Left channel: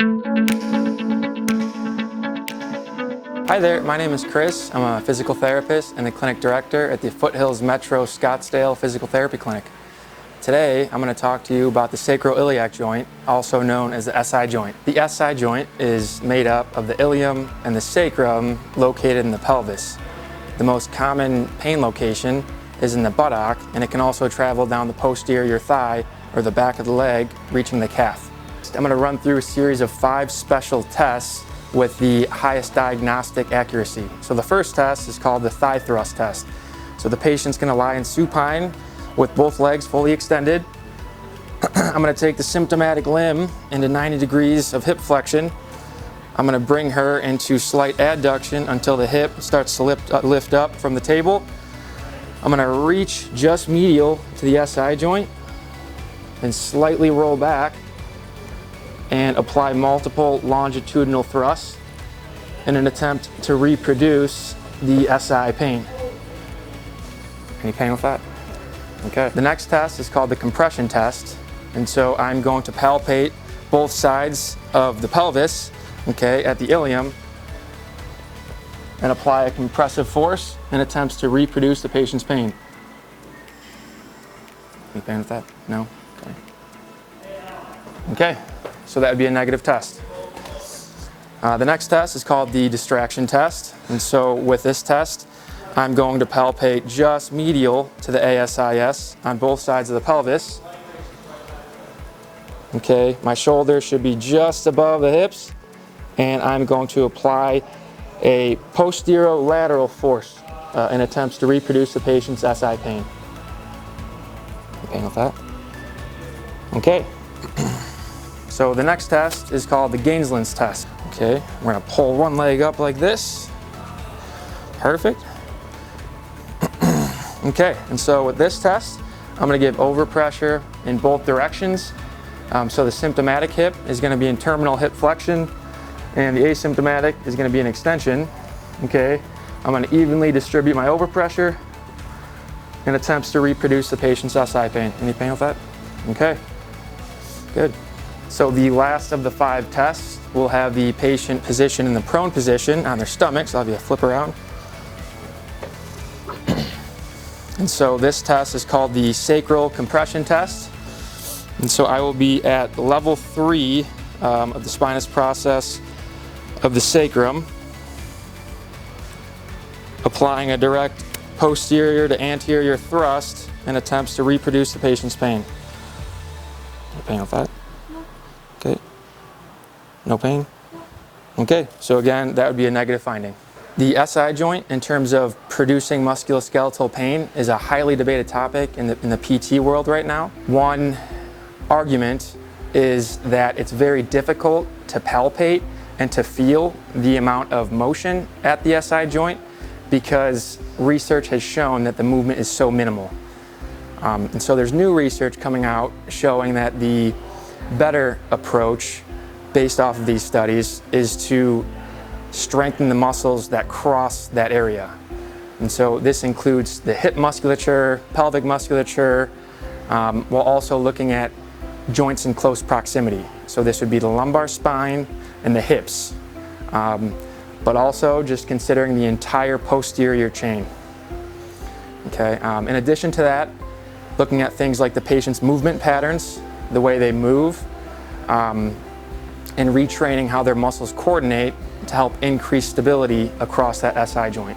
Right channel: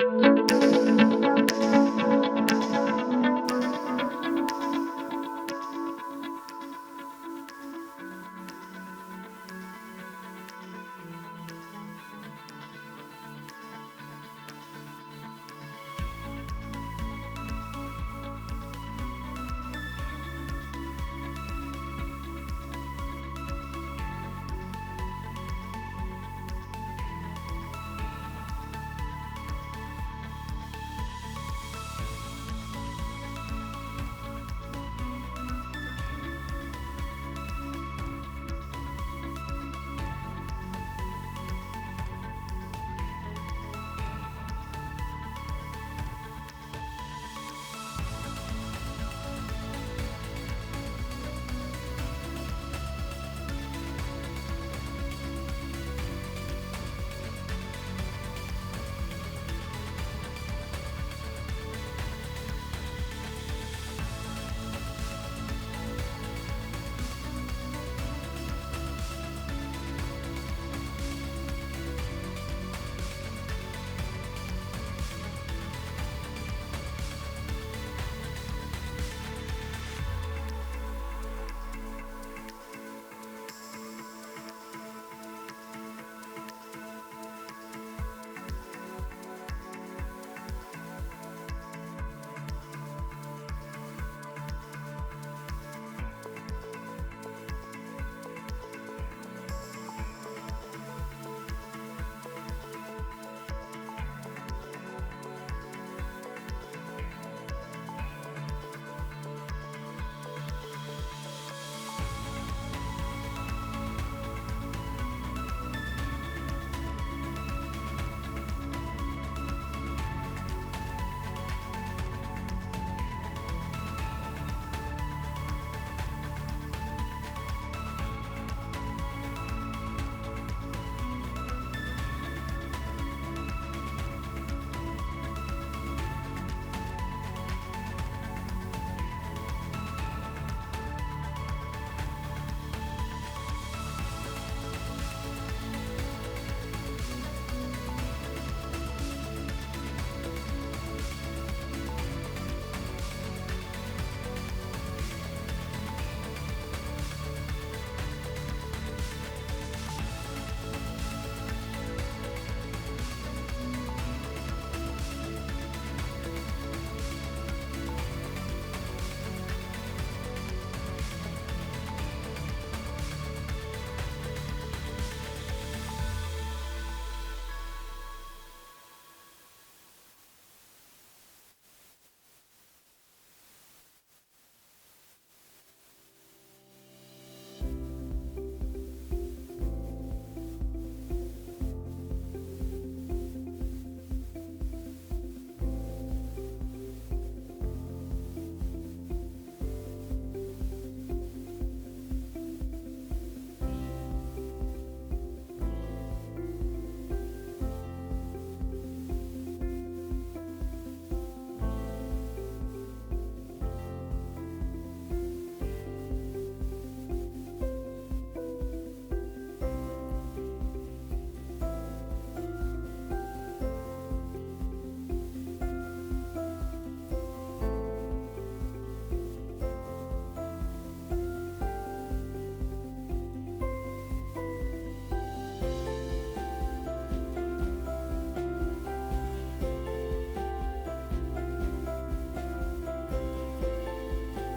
Hi there, my name is Chris. I'm a physical therapist and the clinic director at the Foothills Metro Scottsdale Physical Therapy Clinic. Today, I'm going to talk to you about the sacroiliac joint, also known as the SI joint. The SI joint is made up of the ilium and the sacrum located in the pelvis. The most common pain location is in the buttock, and it can also travel down the posterior thigh or the back of the leg, reaching the calf. I'm going to run through a series of 5 special tests with the highest diagnostic accuracy. So the first test is called the thigh thrust test. So the patient's going to lie in supine with both legs fully extended. I'm going to take the symptomatic limb into 90 degrees of hip flexion. I'm going to bring her into slight adduction until the hip starts to lift up from the table. I'm going to reach just medial to the SI joint and slightly roll back and apply multiple longitudinal thrusts in an attempt to reproduce the SI pain. Any pain with that? Okay. The next test is called the compression test. And so I'm going to palpate both sides of the pelvis, okay, at the ilium, and apply a compressive force in attempts to reproduce the patient's pain. Any pain with that? No? Okay. So that would be a negative test. The next test is called the distraction test. And so with this test, I'm going to palpate just medial to the ASIS on both sides of the pelvis. Okay, my shoulder should be just above the hips, and I'm going to apply a posterolateral force in attempts to reproduce the patient's SI pain. Pain with that? Okay. So the next test is called the Gainsland's test. Okay, we're gonna pull one leg up like this. Perfect. Okay, and so with this test, I'm gonna give overpressure in both directions. So the symptomatic hip is gonna be in terminal hip flexion, and the asymptomatic is gonna be an extension. Okay, I'm gonna evenly distribute my overpressure in attempts to reproduce the patient's SI pain. Any pain with that? Okay, good. So the last of the 5 tests will have the patient position in the prone position on their stomach. So I'll do a flip around. And so this test is called the sacral compression test. And so I will be at level 3 of the spinous process of the sacrum, applying a direct posterior to anterior thrust in attempts to reproduce the patient's pain. No pain with that? Okay. No pain? Okay, so again, that would be a negative finding. The SI joint, in terms of producing musculoskeletal pain, is a highly debated topic in the PT world right now. One argument is that it's very difficult to palpate and to feel the amount of motion at the SI joint because research has shown that the movement is so minimal. And so there's new research coming out showing that the better approach based off of these studies is to strengthen the muscles that cross that area. And so this includes the hip musculature, pelvic musculature, while also looking at joints in close proximity. So this would be the lumbar spine and the hips, but also just considering the entire posterior chain. Okay. In addition to that, looking at things like the patient's movement patterns, the way they move, and retraining how their muscles coordinate to help increase stability across that SI joint.